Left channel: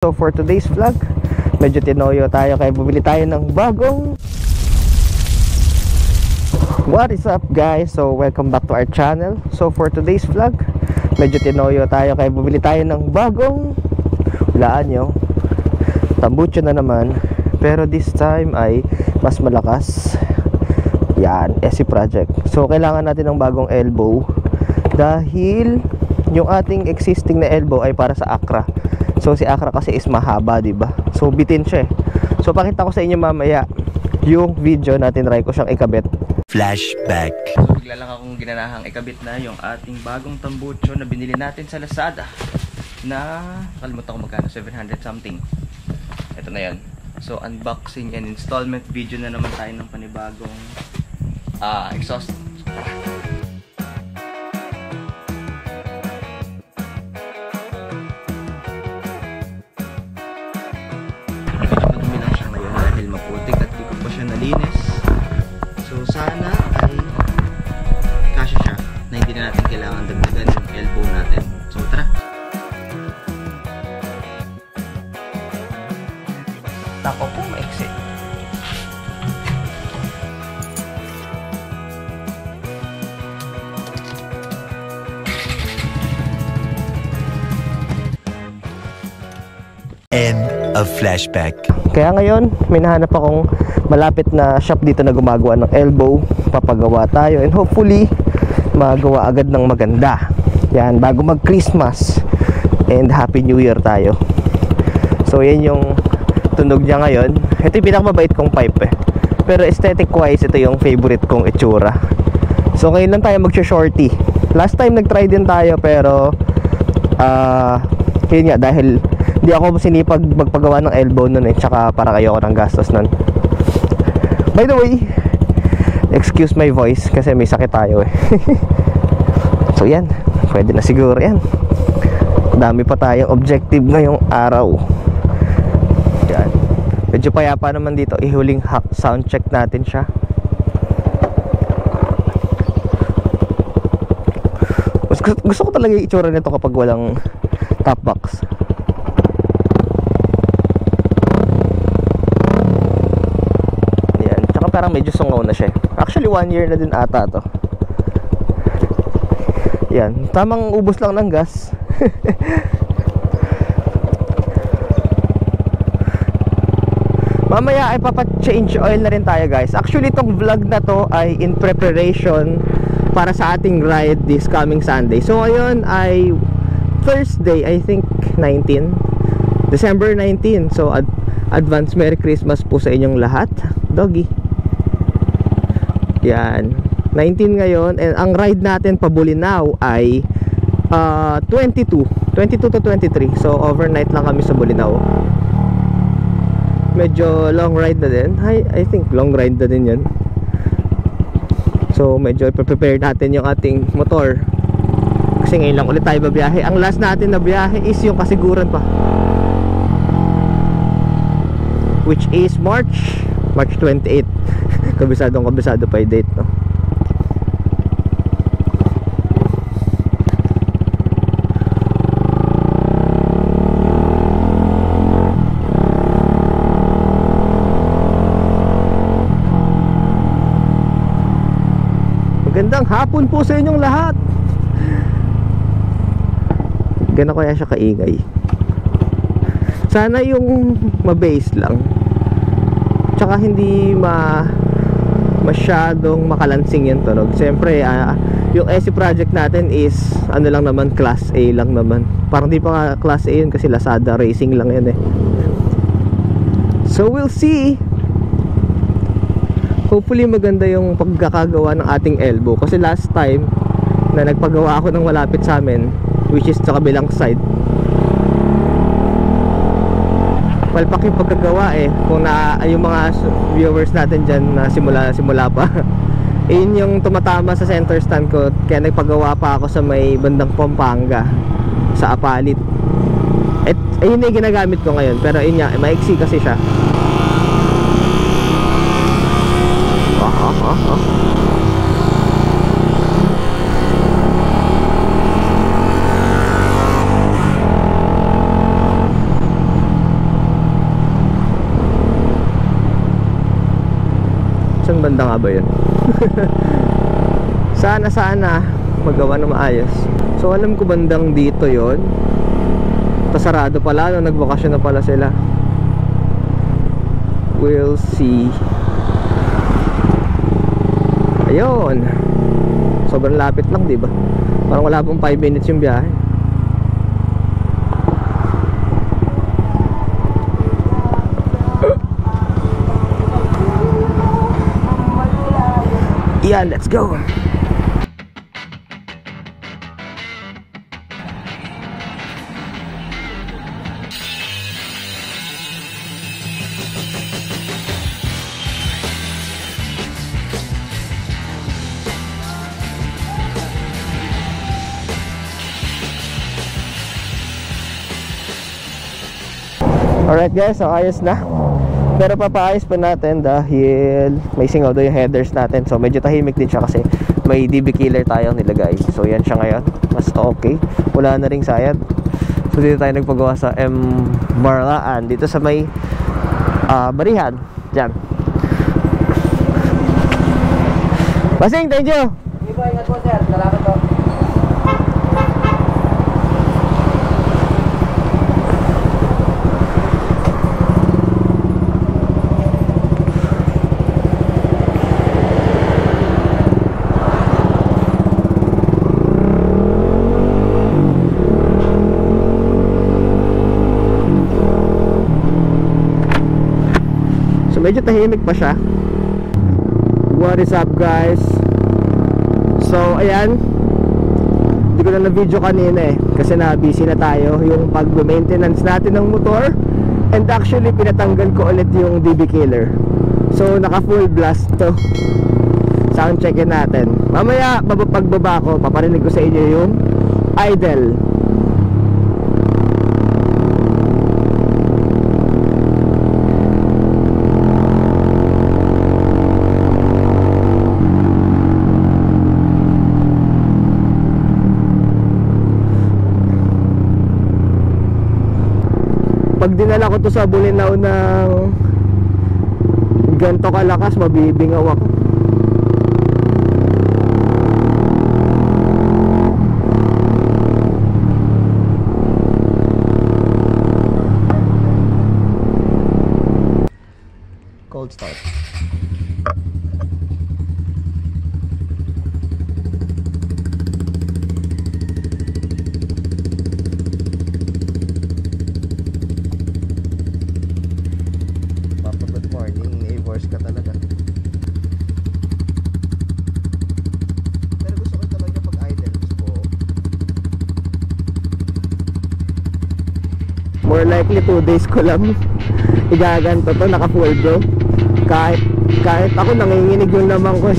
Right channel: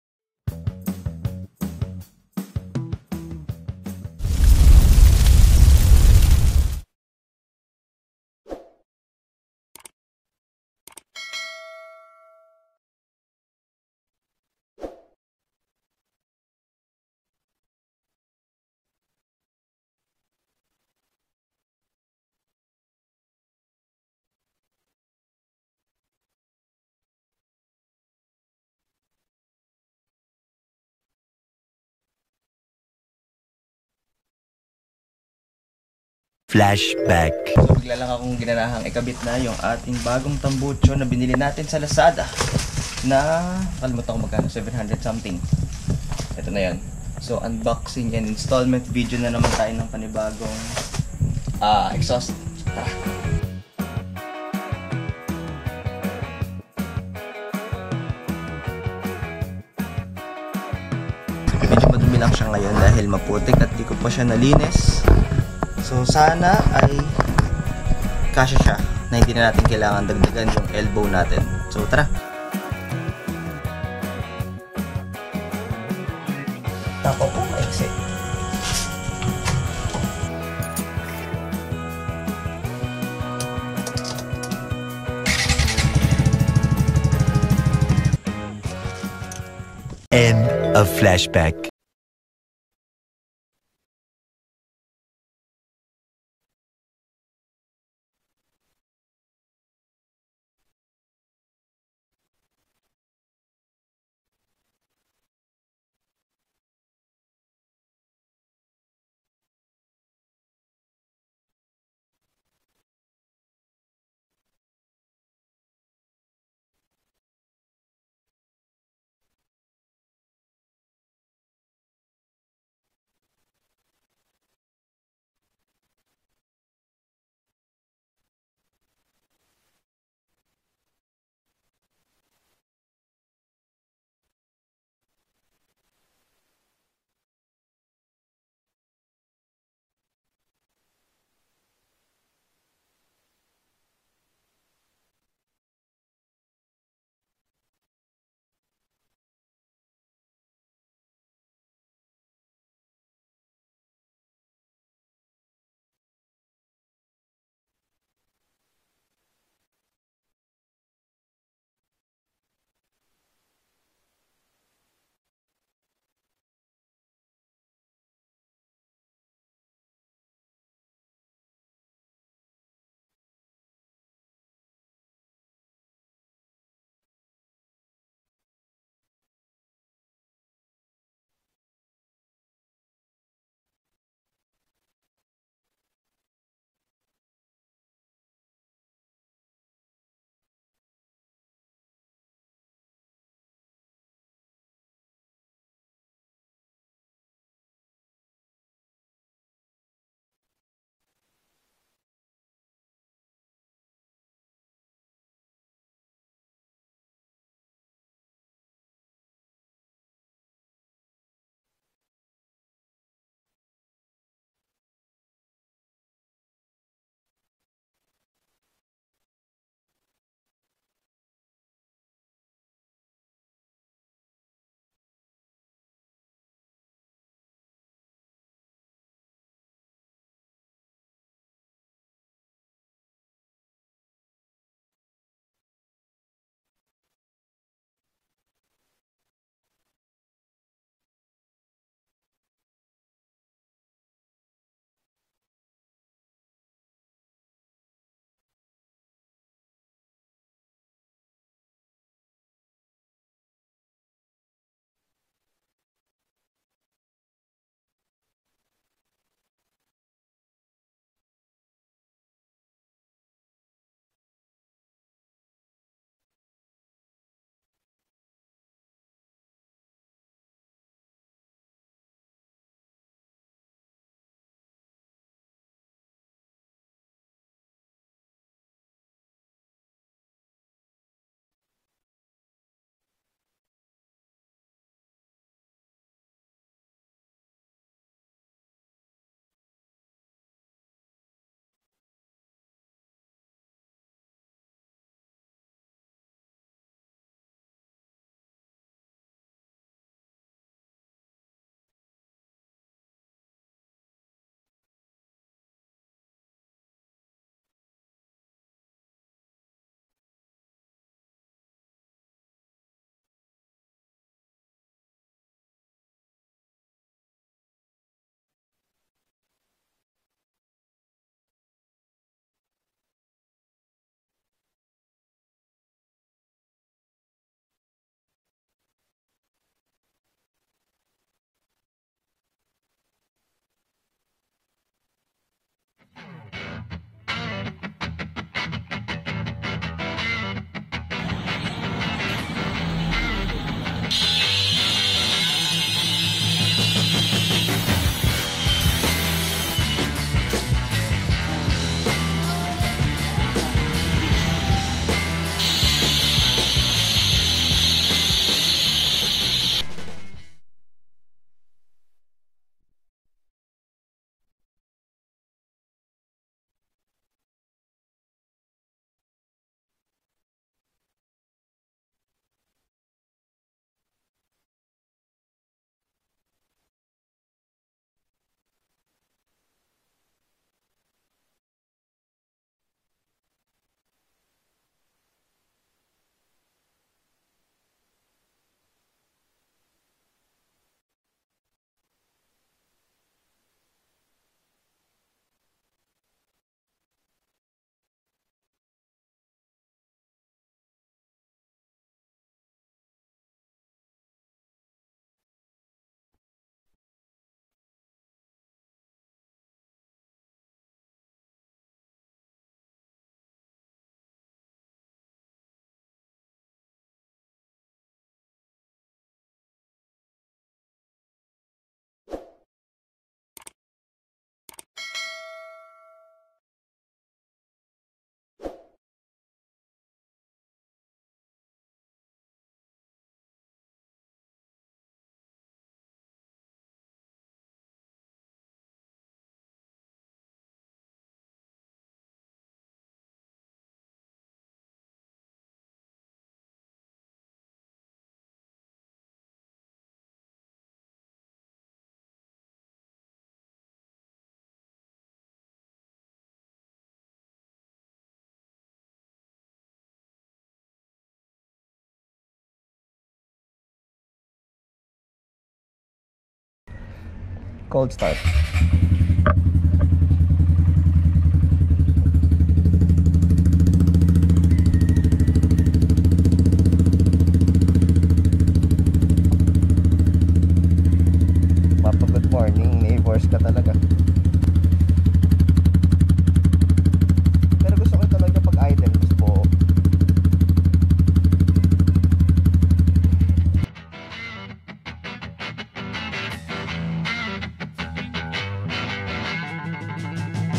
So for today's vlog, medyo tinoyo tayo kaya bumili tayo ng bagong. What is up guys? So welcome back to our channel. So for today's vlog, medyo tinoyo tayo kaya bumili tayo ng bagong, hulaan nyo, tambucho na naman. Pero this time ay mas malakas. Yan, SC Project. So kailangan natin ng bagong elbow dahil yung ating existing na elbow ay para sa Accra. So si Accra kasi is mahaba, diba? So bitin siya eh. So pakita ko sa inyo mamaya yung video natin, try ko siyang ikabit. Flashback. So bigla lang akong ginanahang ikabit na yung ating bagong tambucho na binili natin sa Lazada na, kalimutan ko magkano, 700 something. Ito na yan. So unboxing and installment video na naman tayo ng panibagong exhaust. Medyo madumi lang siya ngayon dahil maputik at di ko pa siya nalinis. So sana ay kasya siya na hindi na natin kailangan dagdagan yung elbow natin. So tara! Tako po maiksi. End of flashback. Kaya ngayon, may nahanap akong malapit na shop dito na gumagawa ng elbow. Papagawa tayo and hopefully magawa agad ng maganda. Yan, bago mag Christmas and Happy New Year tayo. So yan yung tunog niya ngayon. Ito yung pinakamabait kong pipe eh. Pero aesthetic wise, ito yung favorite kong itsura. So ngayon lang tayo mag-shorty. Last time nag-try din tayo pero yun nga, dahil hindi ako sinipag magpagawa ng elbow nun eh. Tsaka para kayo ako ng gastos nun. By the way, excuse my voice kasi may sakit tayo eh. So yan, pwede na siguro yan. Dami pa tayong objective ngayong araw. Yan, medyo payapa naman dito. Ihuling sound check natin siya. Gusto ko talaga yung itsura nito kapag walang top box. Parang medyo sungaw na siya. Actually 1 year na din ata to. Yan, tamang ubos lang ng gas. Mamaya ay papa-change oil na rin tayo guys. Actually itong vlog na to ay in preparation para sa ating ride this coming Sunday. So ngayon ay Thursday, I think 19 December 19. So advance Merry Christmas po sa inyong lahat. Doggy. Yan, 19 ngayon. And ang ride natin pa Bolinao ay 22 to 23. So overnight lang kami sa Bolinao. Medyo long ride na din. I think long ride na din yun. So medyo prepare natin yung ating motor kasi ngayon lang ulit tayo babiyahe. Ang last natin na biyahe is yung kasiguran pa, which is March 28. Kabisado pa yung date, no? Magandang hapon po sa inyong lahat. Gano'n kaya siya kaingay? Sana yung ma-bass lang, tsaka hindi masyadong makalansing yung tunog. Siyempre yung SC Project natin is ano lang naman, class A lang naman. Parang di pa nga class A yun kasi Lazada Racing lang yun eh. So we'll see. Hopefully maganda yung pagkakagawa ng ating elbow. Kasi last time na nagpagawa ako ng malapit sa amin, which is sa kabilang side, palpak yung pagkagawa eh. Kung yung mga viewers natin dyan na simula pa yun yung tumatama sa center stand ko. Kaya nagpagawa pa ako sa may bandang Pampanga, sa Apalit. At yun yung ginagamit ko ngayon. Pero yun nga, maiksi kasi siya. Maganda nga ba yun? Sana magawa na maayos. So alam ko bandang dito yon. Sarado pala, no? Nagbakasyon na pala sila. We'll see. Ayun. Sobrang lapit lang, di ba? Parang wala pong 5 minutes yung biyahe. Yeah, let's go. Alright guys, so ayos na. Pero papaayos pa natin dahil may singaw daw yung headers natin. So medyo tahimik din siya kasi may DB killer tayong nilagay. So yan siya ngayon, mas okay. Wala na ring sayad. So dito tayo nagpagawa sa M. Marlaan, dito sa may Barihan. Diyan. Basing, thank you. Hindi po, ingat po sir. Salamat po. Medyo tahimik pa siya. What is up guys? So ayan, hindi ko na na-video kanina kasi na-busy na tayo yung pag-maintenance natin ng motor. And actually pinatanggal ko ulit yung DB killer. So naka full blast to. Sound checkin natin. Mamaya pagbaba ko, paparinig ko sa inyo yung idle. Pag dinala ko to sa Bulinaw ng ganto kalakas, mabibingaw ako. Cold start. Ka talaga. Pero gusto ko talaga pag idle, gusto ko more likely 2 days ko lang igaganto to, naka full go. Kahit ako nanginginig yung lamang ko.